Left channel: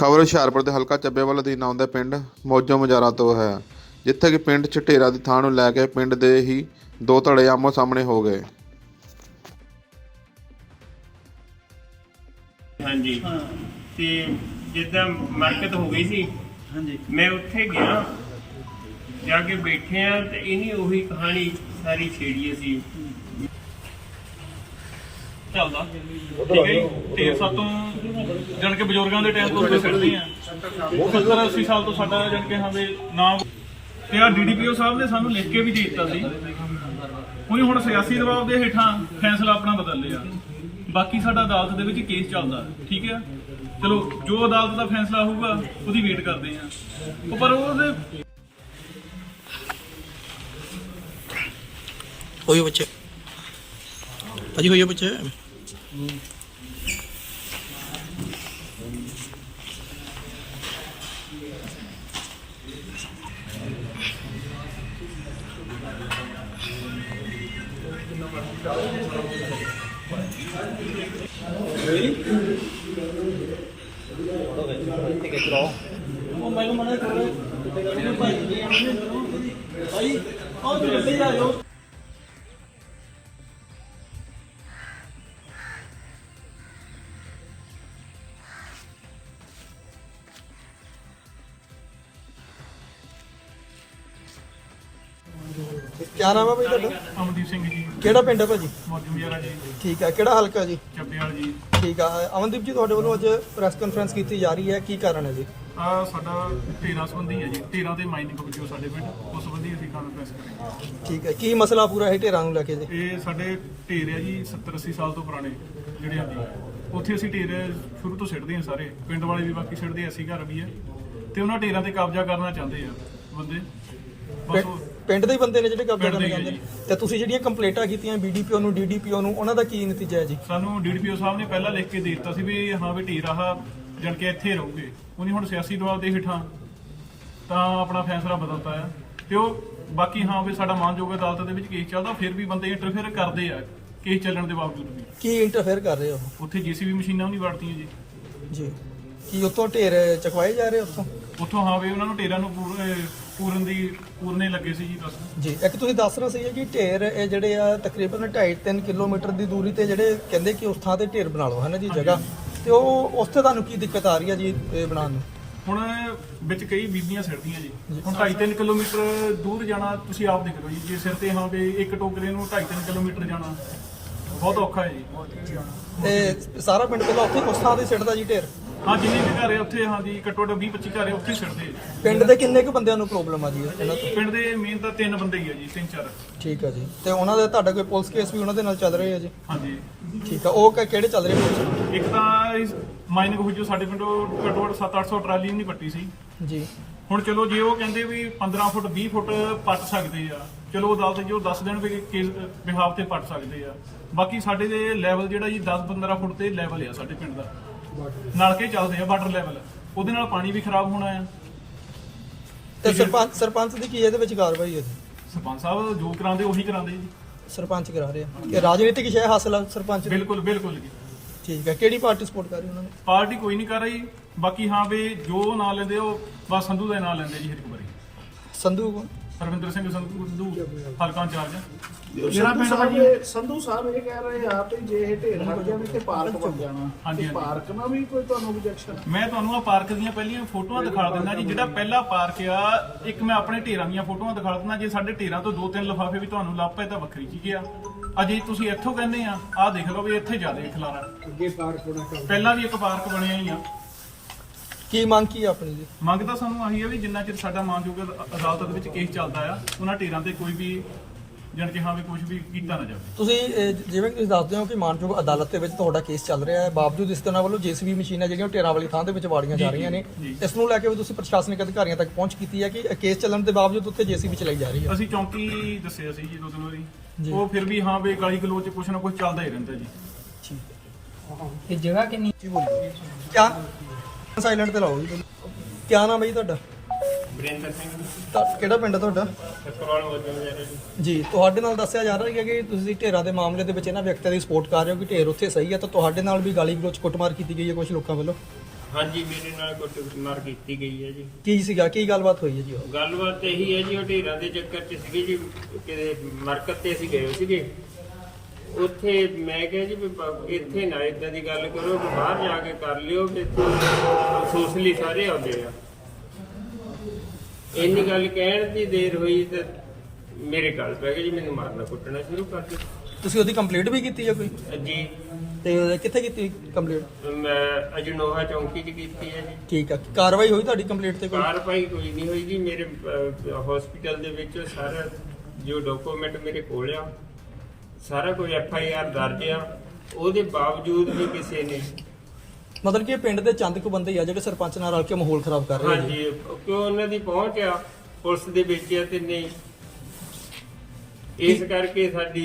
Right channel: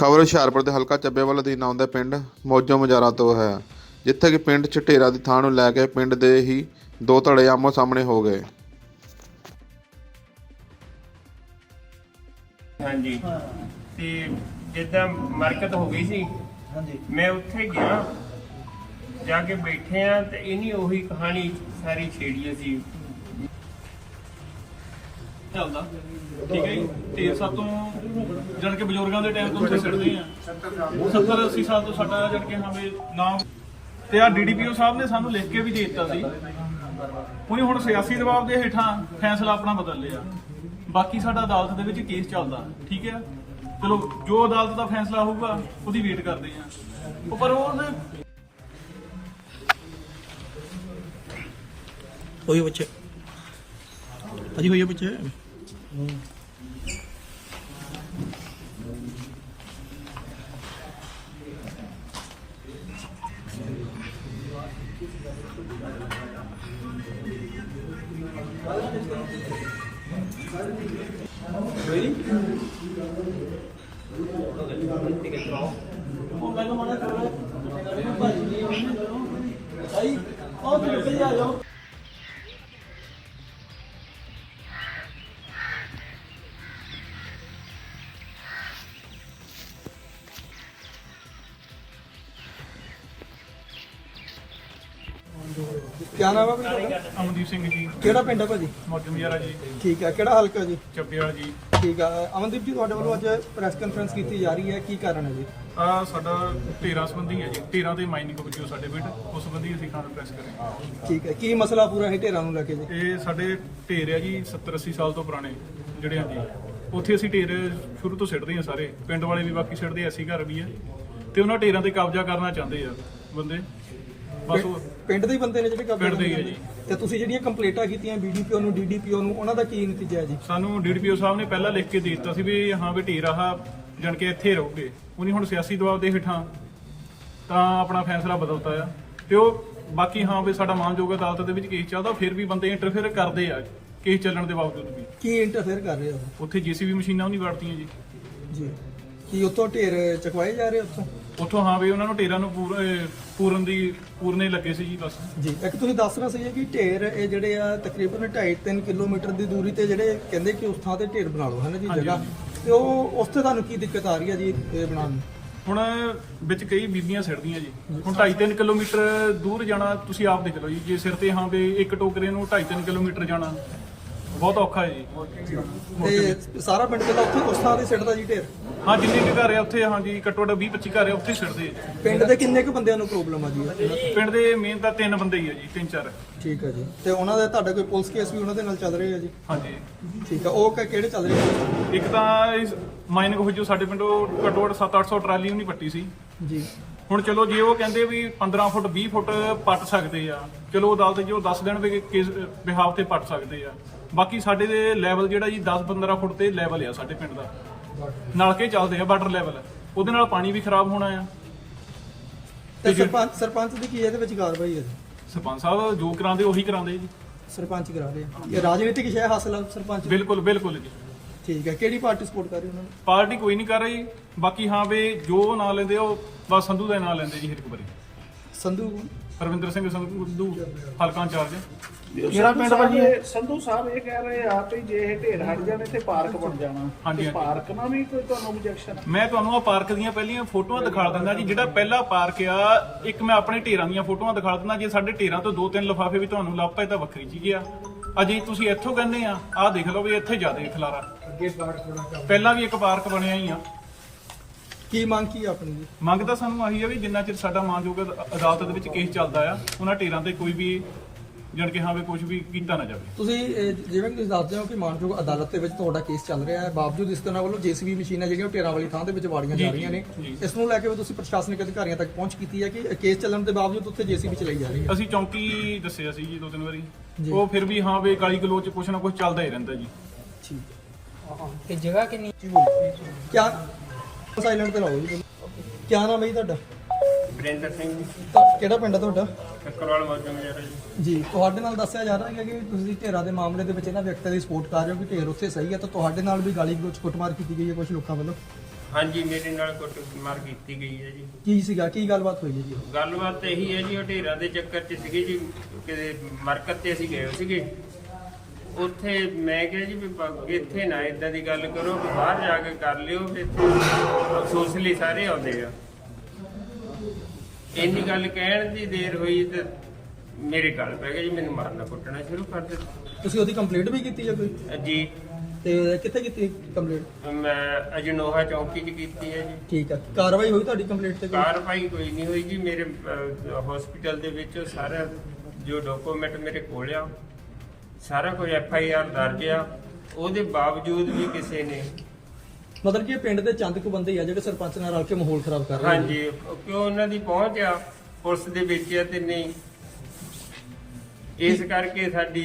ਖਬਰ ਹੁਸ਼ਿਆਰਪੁਰ ਦੇ ਹਲਕਾ ਚੱਬੇਵਾਲ ਅਧੀਨ ਆਉਂਦਾ ਪਿੰਡ ਮੌਜੋ ਮਜਾਰਾ ਤੋਂ ਹੈ ਜਿੱਥੇ ਕਿ ਪਿੰਡ ਝਟੇਰਾ ਦੀ ਥਾਂ ਨੂੰ ਲੈ ਕੇ ਪਿੰਡ ਦੇ ਹੀ ਦੋ ਧੜੇ ਆਮੋ ਸਾਹਮਣੇ ਹੋ ਗਏ। ਹਾਂਜੀ। ਤੇ ਜਿੱਦਾਂ ਮਰਕਤ ਹੋ ਗਈ ਸੀ ਹਾਂਜੀ। ਮੈਂ ਉੱਥੇ ਗਿਆ ਜਾ ਕੇ ਬੈਠੇ ਆ ਤੇ ਇਹਨੀ ਉਹੀ ਕਹਾਣੀ ਸਾਰੀ ਛੇੜੀ ਸੀ ਚੱਲਦਾ। ਠੀਕ ਹੈ ਜੀ? ਢੇਰ ਸਾਤੋਂ ਜਾਣ ਕੇ ਬਜ਼ੁਰਗਾਂ ਦੇ ਟਾਈਮ ਤੋਂ ਅਸੀਂ ਸਿੱਟਦੇ ਆ 70 80 ਸਾਲ ਤੋਂ ਸਾਡਾ ਜਾਣ ਕੇ ਹਾਂ ਵੀ ਨਾਮ ਤੇ ਆ ਡੀਡੀਪੀਓ ਸਾਹਿਬ ਨੇ ਸਾਨੂੰ ਲਿਖ ਕੇ ਵੀ ਦੇ ਦਿੱਤਾ ਸੀ। ਉਹਨੇ ਹੁਣ ਸਿਆਸੀ ਦਬਾਅ ਦੇ ਹੇਠਾਂ ਫੈਸਲਾ ਆਪਣਾ ਬਦਲ ਲਿਆ। ਬਾਕੀ ਸਾਡਾ ਅਦਾਲਤ ਦੇ ਵਿੱਚ ਕੇਸ ਚੱਲਦਾ। ਠੀਕ ਹੈ? ਚਲੋ, ਜੋ ਅਦਾਲਤ ਦਾ ਫੈਸਲਾ ਹੋਊਗਾ, ਉਹਦੀ ਵੇਟ ਕਰਦੇ ਆ ਪਰ ਉਹਦੇ ਹੋਇਓ ਬੱਚੇ। ਭਾਜੀ ਹੋਇਓ ਬੱਚੇ? 哎，好，这个谁呀？有。ਕਿਆ ਨਾਮ ਹੈ ਭਾਈ ਤੁਹਾਡਾ? ਅਮਨਦੀਪ ਸਿੰਘ ਜੀ। ਕਿਹੜਾ ਪਿੰਡ ਹੈ ਭਾਜੀ? ਮੌਜੂਦ ਯਾਰਾ ਜੀ। ਠੀਕ ਹੈ ਕਿਹੜਾ ਹਲਕਾ ਜੀ? ਚੱਬੇਵਾਲ ਜੀ। ਠੀਕ ਹੈ ਅਮਨਦੀਪ ਜੀ ਤੁਹਾਡੇ ਵੱਲੋਂ ਅੱਜ ਪ੍ਰੈਸ ਕਾਨਫਰੰਸ ਕੀਤੀ ਜਾ ਰਹੀ ਹੈ ਕੀ ਕਾਰਨ ਹੈ ਜੀ? ਆ ਸਾਡਾ 13 ਸੰਬੰਧੀ ਹੈ ਜੀ। 13 ਦੇ ਮਾਈਨਿੰਗ ਵਿੱਚੋਂ ਸਾਡੇ ਪਿੰਡ ਉਸ ਸੰਬੰਧੀ ਅਸੀਂ ਕਾਨਫਰੰਸ ਕਰਾਂਗੇ। ਠੀਕ ਹੈ ਕੀ ਮਸਲਾ ਪੂਰਾ ਹੈ ਢੇਰਾਂ ਨੂੰ ਲੈ ਕੇ ਜੀ? ਇਹ ਸਾਡੇ ਢੇਰ ਆ ਜੀ 70 80 ਸਾਲ ਤੋਂ ਪੁਰਾਣੇ ਜਿਹੜੇ ਆ ਜੀ ਉੱਥੇ ਅਸੀਂ ਢੇਰ ਸ਼ੁਰੂ ਤੋਂ ਸਿੱਟਦੇ ਆ ਸਾਰੇ। ਪਿੰਡ ਵਾਲੇ ਵੀ ਬਾਕੀ ਸਿੱਟਦੇ ਆ, ਅਸੀਂ ਘਰ ਵੀ ਆ। ਤੇ ਉਹਨਾਂ ਢੇਰਾਂ ਤੇ ਕਬਜ਼ਾ ਕਰਨਾ ਚਾਹੁੰਦੇ ਆ ਬੰਦੇ। ਬਸ ਉਹ ਪਿੰ- ਪਿੰਡ ਦੇ ਹੀ ਬੰਦੇ ਨੇ ਜਿਹੜੇ ਕਬਜ਼ਾ ਪਿੰਡ ਦੇ ਕਰਨਾ ਹੀ ਚਾਹੁੰਦੇ ਹੈ ਨੇ ਤੇ ਤੁਸੀਂ ਜਿਹੜੀਆਂ ਕੰਪਲੇਂਟਾਂ ਕੀਤੀਆਂ ਬੀਡੀਪੀਓ ਨੂੰ ਡੀਡੀਪੀਓ ਨੂੰ ਉਹਨਾਂ ਦਾ ਕੀ ਨਤੀਜਾ ਹੈ ਜੀ? ਸਾਨੂੰ ਡੀਡੀਪੀਓ ਸਾਹਿਬ ਨੇ ਪਹਿਲਾਂ ਲਿਖ ਕੇ ਦੇ ਦਿੱਤਾ ਸੀ ਵੀ ਹਾਂ ਵੀ ਢੇਰ ਆਹ ਜਾਣ ਕੇ ਇੱਥੇ ਰਹੋਗੇ। ਉਹਨੇ ਹੁਣ ਸਿਆਸੀ ਦਬਾਅ ਦੇ ਹੇਠਾਂ ਤਾਂ ਆਪਣਾ ਫੈਸਲਾ ਬਦਲਤਾ ਆ। ਤੇ ਉਹ ਬਾਕੀ ਹਾਂ ਵੀ ਸਾਡਾ ਮਾਨਯੋਗ ਅਦਾਲਤ ਦੇ ਵਿੱਚ ਕੇਸ ਚੱਲਦਾ ਫਿਰ ਵੀ ਬੰਦੇ ਇੰਟਰਫੇਅਰ ਕਰਦੇ ਆ ਕੇਸ ਚੱਲਣ ਦੇ ਬਾਵਜੂਦ ਵੀ। ਕੀ ਇੰਟਰਫੇਅਰ ਕਰ ਰਹੇ ਹੋ ਉੱਥੇ ਜੀਸੀਬੀ ਮਸ਼ੀਨਾਂ ਉਹ ਨਹੀਂ ਵਰਤੀਆਂ ਜੀ। ਜੀ। ਕੀ ਉੱਥੋਂ ਢੇਰ ਚਕਵਾਏ ਜਾ ਰਹੇ ਉੱਥੋਂ? ਉੱਥੋਂ ਹਾਂ ਵੀ ਉਹਨਾਂ ਨੂੰ ਟੇਰਾਂ ਨੂੰ ਪੂਰ- ਪੂਰਨ ਦੀ ਪੂਰਨੇ ਲੱਗੇ ਸੀ ਜੀ ਬਸ। ਜੀ ਇੱਕ ਤੁਸੀਂ ਦੱਸ ਰਹੇ ਸੀ ਕਿ ਢੇਰ ਇਹ ਜਿਹੜੇ ਆ ਤਕਰੀਬਨ 2.5 3 ਕਿਲੋਮੀਟਰ ਦੀ ਦੂਰੀ ਤੇ ਜਿਹੜੇ ਕਹਿੰਦੇ ਕਿ ਉਸ ਥਾਂ ਤੇ ਢੇਰ ਬਣਾ ਲਓ ਹੈ ਨਾ ਜੀ ਜਗ੍ਹਾ। ਤੇ ਉਹ ਉਸ ਤੇ ਤੁਹਾਨੂੰ ਕੀ ਦਿੱਕਤ ਆ ਰਹੀ ਹੈ ਜੀ ਇਹ ਬਣਾਉਣ ਨੂੰ? ਹੁਣ ਵਿੱਚ ਕਈ ਬੀਬੀਆਂ ਸਿਰਦੀਆਂ ਜੀ। ਹੁਣ 2.5-3 ਕਿਲੋਮੀਟਰ ਦੂਰ ਜਾਣਾ ਤੁਸੀਂ ਆਪ ਦੇਖ ਲਓ ਜੀ ਜੇ ਸਿਰ ਤੇ ਹਾਂ ਵੀ ਇੱਕ ਟੋਕਰੇ ਨੂੰ 2.5-3 ਕਿਲੋਮੀਟਰ ਜਾਣਾ ਬਹੁਤ ਔਖਾ ਹੈ ਜੀ। ਤੇ ਸਾਰਾ ਪਿੰਡ ਪਹਿਲਾਂ ਉੱਥੇ ਉਸ ਥਾਂ ਤੇ ਸਿੱਟਦਾ ਜੀ ਢੇਰ? ਹਾਂ ਜਿੰਨੇ ਕੁ ਘਰ ਆ ਉੱਥੇ ਹਾਂ ਜੀ ਘੱਟੋ ਘੱਟ 20-25 ਘਰ ਆ ਉੱਥੇ ਆ ਜੀ। ਪਿੰਡ ਦੇ ਕਿੰਨੇ ਕੁ ਬੰਦਿਆਂ ਨੂੰ ਪ੍ਰੋਬਲਮ ਆ ਜੀ ਇਹਨਾਂ ਤੋਂ? ਪਿੰਡ ਦੇ ਮੇਨ ਤਾਂ ਤਿੰਨ ਬੰਦੇ ਹੀ ਆ ਜੀ ਤਿੰਨ ਚਾਰ। ਠੀਕ ਹੈ ਜੀ। ਤੇ ਉਹਨਾਂ ਦੇ ਤੁਹਾਡਾ ਕੋਈ ਪੁਲਿਸ ਕੇਸ ਵੀ ਉਹਨਾਂ ਦੇ ਨਾਲ ਚੱਲ ਰਿਹਾ ਹੈ ਜੀ। ਹਾਂਜੀ ਠੀਕ ਹੈ ਉਹ ਕ- ਕਿਹੜੇ ਚੱਲ ਰਹੇ ਇੱਕ ਤਾਂ ਮਾਈਨਿੰਗ ਹੋ ਜੋ ਸਾਡੇ ਪਿੰਡੋਂ ਘੱਟੋ ਘੱਟ 7-800 ਟਰਾਲੀ ਨਹੀਂ ਪੱਟੀ ਸੀ। ਜੀ। ਹੁਣ ਚਲੋ ਜੇ ਉਹ ਕਹਿੰਦੇ ਵੀ 15 ਫੁੱਟ 20 ਫੁੱਟ ਪੱਟ ਸਕਦੇ ਆ ਚਲੋ ਅਦਾਲਤ ਜੋ ਦੱਸ ਦੇਣ ਵੀ ਕਿਸ ਬਿਹਾਫ ਤੇ ਪੱਟ ਸਕਦੇ ਆ। ਬਾਕੀ ਸਾਡੇ ਦੇ ਲੈਵਲ ਜਿਹੜਾ ਜੀ 10-15 ਫੁੱਟ ਤੇ ਲੈਵਲ ਆ ਸਾਡੇ ਪਿੰਡ ਦਾ। ਨਲਕੇ ਚੱਲਦੇ ਆ ਵਾਟਰ ਲੈਵਲ ਉਹਦੇ ਨਾਲ ਪਾਣੀ ਵੀ ਖਰਾਬ ਹੋਣਾ ਆ। ਤੇ ਸਰਪੰਚ ਸਰਪੰਚ ਦੀ ਕੀ ਇਹਦੇ ਵਿੱਚ ਕਾਰਵਾਈ ਹੈ ਸਰਪੰਚ ਸਾਹਿਬ ਜੋ ਕਰਾਉਂਦੇ ਉਹੀ ਕਰਾਉਂਦੇ ਜੀ। ਸਰਪੰਚ ਕਰਾ ਰਹੇ ਆ। ਇਹ ਰਾਜਨੀਤਿਕ ਸ਼ੈ ਹਾਸਲ ਸਰਪੰਚ ਦੀ? ਬਿਲਕੁਲ ਬਿਲਕੁਲ ਜੀ। ਠੀਕ ਹੈ। ਕਿਹੜੀ ਪਾਰਟੀ ਸਪੋਰਟ ਕਰ ਰਹੀ ਉਹਨਾਂ ਨੂੰ? ਪਾਰਟੀ ਕੋਈ ਨਹੀਂ ਕਰ ਰਹੀ। ਬਾਕੀ ਹਾਂ ਵੀ ਜੋ ਨਾਂ ਲੈਂਦੇ ਉਹ ਬਸ ਸੰਧੂ ਦਾ ਹੀ ਨਾਂ ਲੈਂਦੇ ਜੀ ਹਰ ਇੱਕ ਵਾਰੀ। ਸੰਧੂ ਕੌਣ? ਰਵਿੰਦਰ ਸਿੰਘ ਸੰਧੂ ਹਲਕਾ ਇੰਚਾਰਜ। ਆ ਸੰਧੂ ਸਾਹਿਬ ਇਹ ਸੰਧੂ ਸਾਹਿਬ ਇਹ ਕਹਿ ਰਹੇ ਆ ਵੀ ਜੇ ਇਹ ਢੇਰ ਹਟ ਜਾਣੇ ਤੇ ਪਾਰਕ ਬਣ ਜਾਣਾ। ਹਾਂਜੀ, ਤੇ। ਪਾਰਕ ਨਾਲ ਵੀ ਕੋਈ ਤੁਹਾਨੂੰ ਆਬਜੈਕਸ਼ਨ ਆ? ਮੈਂ ਤੁਹਾਨੂੰ ਆ ਪਾਰਕ ਦੀਆਂ ਪਹਿਲੀਆਂ ਫੋਟੋਆਂ ਦਿਖਾ ਦਿੰਦਾ ਜੀ। ਜਿਹੜਾ ਪਹਿਲਾ ਪਾਰਕ ਆ ਇੱਕ ਮੈਂ ਆਪਣੇ ਢੇਰਾਂ ਦੀਆਂ ਫੋਟੋਆਂ ਦਿਖਾ ਦਿੰਦਾ। ਜੇ ਸਾਡੇ ਢੇਰਾਂ ਤੋਂ ਦੋ ਤਿੰਨ ਲਿਫਾਫੇ ਵੀ ਤੁਹਾਨੂੰ ਲੱਭ ਪਏ ਤਾਂ ਵੱਖਰੀ ਚੀਜ਼ ਆ। ਅਜੇ ਤੁਸੀਂ ਇੱਥੋਂ ਕਹਿੰਦੇ ਆ ਆਹ ਦੇਖ ਲਓ ਵੀ ਇੱਥੇ ਜ਼ਿਆਦਾ ਖਲਾਰਾ। ਪਹਿਲਾਂ ਵੀ ਇੱਕ ਪਾਰਕ ਬਣਿਆ ਹੀ ਆ। ਕੀ ਮੰਗ ਕੀ ਆ ਆਪਣੀ ਜੀ? ਮੰਗ ਤਾਂ ਸਾਨੂੰ ਆਹੀ ਆ ਵੀ ਜਿੰਨਾ ਚਿਰ ਸਾਡਾ ਮਾਨਯੋਗ ਅਦ- ਅਦਾਲਤ ਦੇ ਵਿੱਚ ਕੇਸ ਚੱਲਦਾ ਆ ਉਹਨਾਂ ਢੇਰਾਂ ਤੇ ਕੋਈ ਵੀ ਜਾਣ ਕੇ ਹਾਂ ਵੀ ਕੁਝ ਵੀ ਕੀਤਾ ਨਾ ਜਾਵੇ। ਤੁਸੀਂ ਇਹ, ਜਿਵੇਂ ਕਿ ਤੁਸੀਂ ਦੱਸਦੇ ਹੋ ਕਿ ਮਾਨਯੋਗ ਅਦਾਲਤ ਦੇ ਵਿੱਚ ਤੁਹਾਡਾ ਕੇਸ ਚੱਲ ਰਿਹਾ ਹੈ ਬਾਵਜੂਦ ਇਸ ਤਰ੍ਹਾਂ ਵੱਲੋਂ ਜੀਸੀਬੀ ਮਸ਼ੀਨਾਂ ਜਿਹੜੀਆਂ ਉਹ ਟੇਰਾਂ ਵਾਲੀ ਥਾਂ ਦੇ ਵਿੱਚ ਵਾੜੀਆਂ ਜਾ ਰਹੀਆਂ ਨੇ। ਜੀ। ਇਸ ਨੂੰ ਲੈ ਕੇ ਵੀ ਤੁਸੀਂ ਪ੍ਰਸ਼ਾਸਨਿਕ ਅਧਿਕਾਰੀਆਂ ਤੱਕ ਪਹੁੰਚ ਕੀਤੀ ਹੈ ਕਿ ਕੇਸ ਚੱਲਣ ਦੇ ਬਾਵਜੂਦ ਉੱਥੇ ਜੀਸੀਬੀ ਚਲਾਈ ਜਾ ਰਹੀ ਹੈ। ਅਸੀਂ ਚੌਂਕੀ ਦੱਸਿਆ ਸੀ ਜੀ ਦੋ ਤਿੰਨ ਵਾਰੀ। ਉਹ ਫਿਰ ਵੀ ਹਾਂ ਵੀ ਕਾਲੀ ਗਲੋਚ ਕੁਛ ਨਾ ਕੁਛ ਚੱਲਦਾ ਹੀ ਰਹਿੰਦਾ ਜੀ। ਠੀਕ ਹੈ। ਤੇ ਜਗ੍ਹਾ ਕਿੰਨੀ? ਜੀ ਬੋਲੋ ਕਿਆ? ਸਾਇਲੈਂਟ ਤੇ ਲਾਓ ਜੀ ਪਹਿਲਾਂ। ਕਿਆ ਨਾਮ ਹੈ ਜੀ ਤੁਹਾਡਾ? ਵਰਿੰਦਰ ਸਿੰਘ ਤਾਂ ਕਿਹੜਾ ਪਿੰਡ ਹੈ ਤੁਹਾਡਾ? ਠੱਕਰਵਾਲ ਮੌਜੂਦ ਮੇਰਾ ਜੀ। ਜੀ ਤੁਹਾਡੇ ਨਾਲ ਦੱਸਿਆ ਜਾ ਰਿਹਾ ਹੈ ਕਿ ਤੁਸੀਂ ਢੇਰਾਂ ਦੇ ਮਾਮਲੇ ਦੇ ਵਿੱਚ ਇਹਨਾਂ ਵਿਅਕਤੀਆਂ ਦੀ ਸਪੋਰਟ ਕਰ ਰਹੇ ਹੋ ਕਿ ਢੇਰ ਉੱਥੇ ਸਹੀ ਹੈ ਤਾਂ ਤੁਹਾਡੇ ਨਾਲ ਵੀ ਗਾਲੀ ਗਲੋਚ ਕੁੱਟਮਾਰ ਕੀਤੀ ਗਈ ਹੈ ਕੁਝ ਲੋਕਾਂ ਵੱਲੋਂ? ਹਾਂਜੀ ਮੇਰੇ ਨਾਲ ਕੁੱਟਮਾਰ ਕੀਤੀ ਗਈ ਹੈ ਜੀ। ਕੀ ਸੀਗਾ? ਕੀ ਗੱਲਬਾਤ ਹੋਈ ਹੈ ਜੀ ਉਹ? ਗੱਲਬਾਤ ਇਹੀ ਹੈ ਜੀ ਉਹ ਢੇਰਾਂ ਦੇ ਚੱਕਰ 'ਚ ਸੀਗੇ ਜੀ। ਕਿਤੇ ਮਰਕਤ ਤੇ ਅਸੀਂ ਗਏ ਹੋਏ ਸੀਗੇ। ਉੱਥੇ ਮੈਂ ਕਿਹਾ ਜੀ ਵੀ ਬ- ਇੱਥੇ ਨਾ ਇਦਾਂ ਦੀ ਗੱਲ ਕਰੋ ਕਿ ਬਾਹਰ ਜਾ ਕੇ ਕਰ ਲਿਓ ਵੀ ਇੱਥੇ ਅਫਸੋਸ ਲਈ ਸਾਰੇ ਆਉਂਦੇ ਆ। ਇੰਨੀ ਗੱਲ ਕਹਿਣ ਦੀ ਦੇਰ ਹੋਈ ਤੇ ਮੇਰੇ ਗੱਲ ਪੈ ਗਿਆ ਜੀ ਮੈਨੂੰ ਮਾਰਨਾ ਕੁੱਟਣਾ ਸ਼ੁਰੂ ਕਰ ਦਿੱਤਾ। ਤੁਸੀਂ ਉਹਦੀ ਕੰਪਲੀਟ ਵੀ ਕੀਤੀ ਹੈ ਕੋਈ? ਜੀ। ਤੇ ਉਹਦੇ ਕਿੱਥੇ ਕੀਤੀ ਕੰਪਲੀਟ ਮੈਂ ਅਜਨੋਹਾ ਚੌਂਕੀ 'ਚ ਕੀਤੀ ਹੈ ਜੀ। ਠੀਕ ਆ। ਕਾਰਵਾਈ ਹੋਈ ਤੁਹਾਡੀ ਕੰਪਲੀਟ ਤੇ ਕੋਈ? ਕਾਰਵਾਈ ਕੋਈ ਨਹੀਂ ਹੋਈ ਜੀ। ਮੇਰੇ ਹਸਪੀਟਲ ਦੇ ਵਿੱਚ ਸਾਰਾ ਜੋ ਡਾਕੂਮੈਂਟ ਮੇਰੇ ਕੋਲ ਆ ਸਾਰਾ ਕੁਝ ਐਫ ਆਈ ਆਰ ਦਰਜ ਆ ਉਹਦੇ ਬਾਵਜੂਦ ਵੀ ਕਿਸੇ ਨੇ ਮਤਲਬ ਕਿ ਇਹ ਪਿੰਡ ਦੇ ਚੰਦ ਕੁ ਬੰਦੇ ਹੀ ਆ ਜਿਹੜੇ ਸਰਪੰਚ ਨਾਲ ਰਲ ਕੇ ਮਾਹੌਲ ਖਰਾਬ ਕਰ ਰਹੇ ਨੇ ਹਾਂਜੀ ਕਿਉਂ ਉਹਨਾਂ ਦੀ ਪਹੁੰਚ ਆ? ਪੁਲਿਸ ਦੇ ਵਿੱਚ ਆ ਤੇ ਨਹੀਂ। ਇਸ ਕਰਕੇ ਸਾਡੀ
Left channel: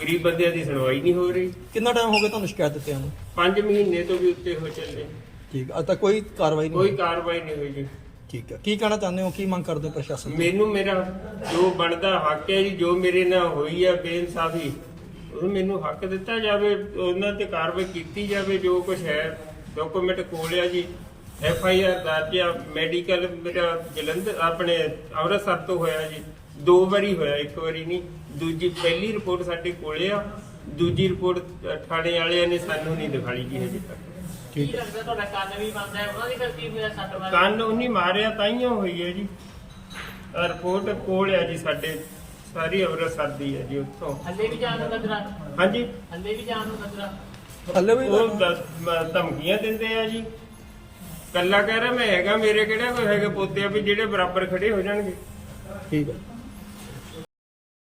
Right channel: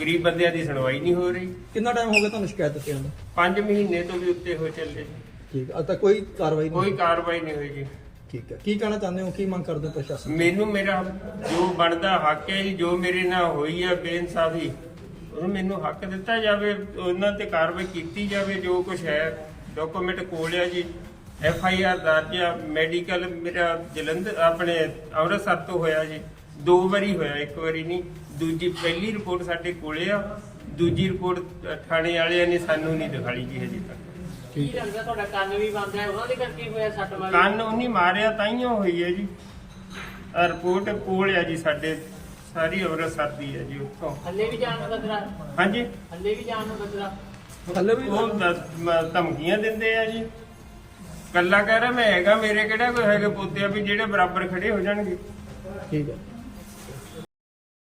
ਗਰੀਬ ਬੰਦਿਆਂ ਦੀ ਸੁਣਵਾਈ ਨਹੀਂ ਹੋ ਰਹੀ। ਕਿੰਨਾ ਟਾਈਮ ਹੋ ਗਿਆ ਤੁਹਾਨੂੰ ਸ਼ਿਕਾਇਤ ਦਿੱਤਿਆਂ ਨੂੰ? 5 ਮਹੀਨੇ ਤੋਂ ਵੀ ਉੱਤੇ ਹੋ ਚੱਲੇ। ਠੀਕ ਆ ਅੱਜ ਤੱਕ ਕੋਈ ਕਾਰਵਾਈ ਨਹੀਂ ਕੋਈ ਹੋਈ। ਕਾਰਵਾਈ ਨਹੀਂ ਹੋਈ ਜੀ। ਠੀਕ ਆ। ਕੀ ਕਹਿਣਾ ਚਾਹੁੰਦੇ ਹੋ? ਕੀ ਮੰਗ ਕਰਦੇ ਹੋ ਪ੍ਰਸ਼ਾਸਨ ਤੋਂ? ਮੈਨੂੰ ਮੇਰਾ ਜੋ ਬਣਦਾ ਹੱਕ ਹੈ ਜੀ, ਜੋ ਮੇਰੇ ਨਾਲ ਹੋਈ ਹੈ ਬੇਇਨਸਾਫੀ ਉਹ ਮੈਨੂੰ ਹੱਕ ਦਿੱਤਾ ਜਾਵੇ, ਉਹਨਾਂ ਤੇ ਕਾਰਵਾਈ ਕੀਤੀ ਜਾਵੇ, ਜੋ ਕੁਝ ਹੈ ਡਾਕੂਮੈਂਟ ਕੋਲ ਆ ਜੀ। ਐਫ ਆਈ ਆਰ ਦਰਜ ਆ ਮੈਡੀਕਲ ਮੇਰਾ ਜਲੰਧਰ, ਆਪਣੇ ਅੰਮ੍ਰਿਤਸਰ ਤੋਂ ਹੋਇਆ ਜੀ। ਦੋ ਵਾਰੀ ਹੋਇਆ, ਇੱਕ ਵਾਰੀ ਨਹੀਂ, ਦੂਜੀ ਪਹਿਲੀ ਰਿਪੋਰਟ ਸਾਡੇ ਕੋਲੇ ਆ। ਦੂਜੀ ਰਿਪੋਰਟ ਥਾਣੇ ਵਾਲਿਆਂ ਨੇ ਸਾਨੂੰ ਨਹੀਂ ਦਿਖਾਈ ਜੀ ਹਜੇ ਤੱਕ। ਕੰਨ ਉਹਨੀ ਮਾਰਿਆ ਤਾਈਓ ਹੋਈ ਹੈ ਜੀ। ਰਿਪੋਰਟ ਕੋਲ ਆ ਜੀ ਸਾਡੇ ਸਾਰੀ ਅੰਮ੍ਰਿਤਸਰ ਦੀ ਹੈ ਜੀ ਉੱਥੋਂ। ਥੱਲੇ ਵੀ ਜਾਣ ਨੂੰ ਖਤਰਾ ਹਾਂਜੀ। ਥੱਲੇ ਵੀ ਜਾਣ ਨੂੰ ਖਤਰਾ ਥੱਲੇ ਵੀ ਉਹ ਦ- ਧਮਕੀਆਂ ਦਿੰਦੇ ਆ ਜੀ। ਕੱਲਾ ਕਹਿ ਰਿਹਾ ਮੈਂ ਹੈਗਾ ਮੇਰੇ ਕਿਹੜਾ ਕੋਈ ਹੈਗੇ ਪੋਤੇ ਆ ਵੀ ਜਿਹੜੇ ਬਰਾਬਰ ਖੜੇ ਹੋ ਜਾਣਗੇ। ਠੀਕ ਆ